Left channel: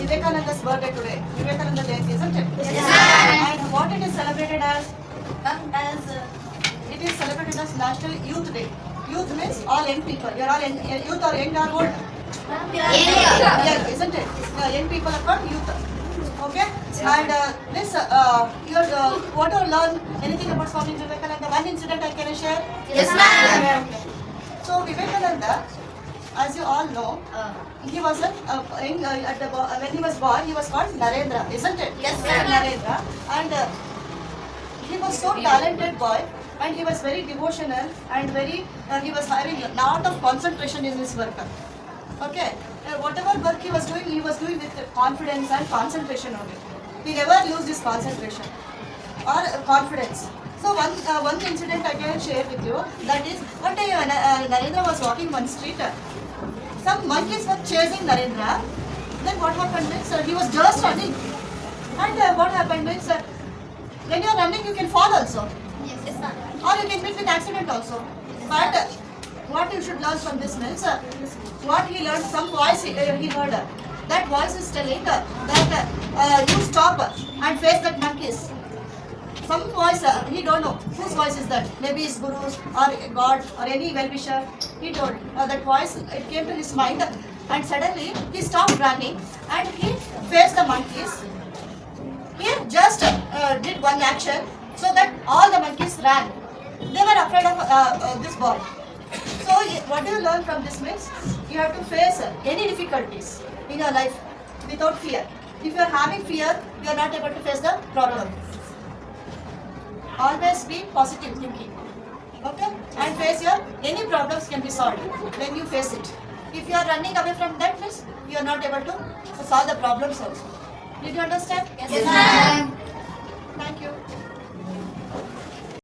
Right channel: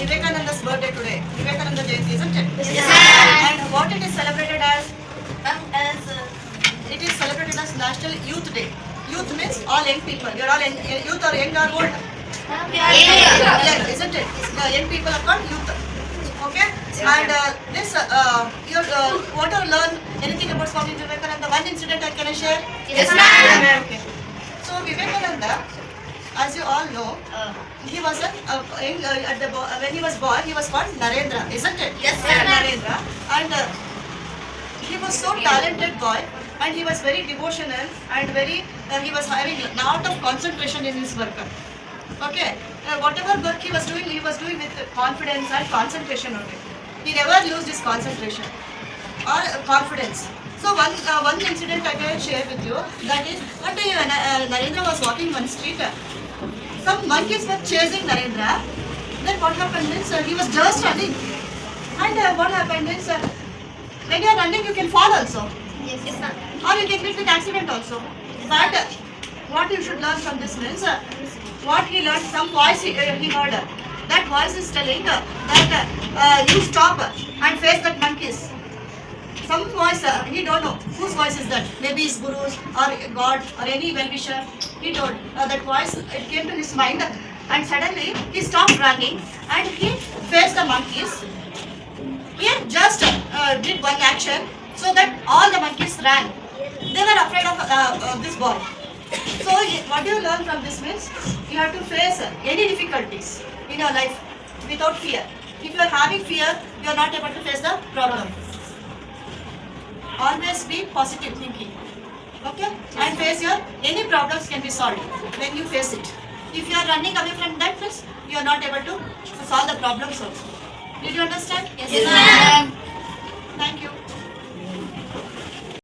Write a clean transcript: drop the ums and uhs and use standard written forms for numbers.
Vivekananda's birthday today. Vivekananda Jayanti, isn't it? Yes. And what it is celebrated as? It is celebrated as National Youth Day. Youth means all young people. You are all youth or young or old? Young, isn't it? Young people are called youth. Okay? And this, you want to learn anything about Swami Vivekananda? One incident can I share? Yes, ma'am. Okay. So Vivekananda, as you all know, he was when he was born, he was called Narendra, isn't it? Yes, ma'am. Narendra. And he was so talented boy, and he was very devotional and very, he was having a lot of concentration in his work. Okay, whatever work he was doing with confidence and concentration on it. He never lost his concentration or confidence. So one incident I can share with you. That is, one day Narendra was walking one street. Some monkeys were chasing Narendra. Then what happened is he was just running. And what happened is when you are running you can fall also. Yes, ma'am. Or you can meet with accident also. But what you should learn from this means, what he learned, some voice he heard. That voice is telling that you stop and face that monkeys. Some voice, he don't know whose voice is that. Maybe his gurus or God or any well-wisher. He told that voice, it came to his mind, and suddenly he stopped running and he faced the monkeys. He just did one action so that all the monkeys ran. They were afraid of this boy. So what do you learn from this means? You have to face any difficulties in your life without fear. If you are having fear, you are not able to face the problem. Always be positive thinking. Okay? And face your, any problems can be solved when you face it. If you are running away from that means you are not able to solve the problems also. Did you understand? Yes, ma'am.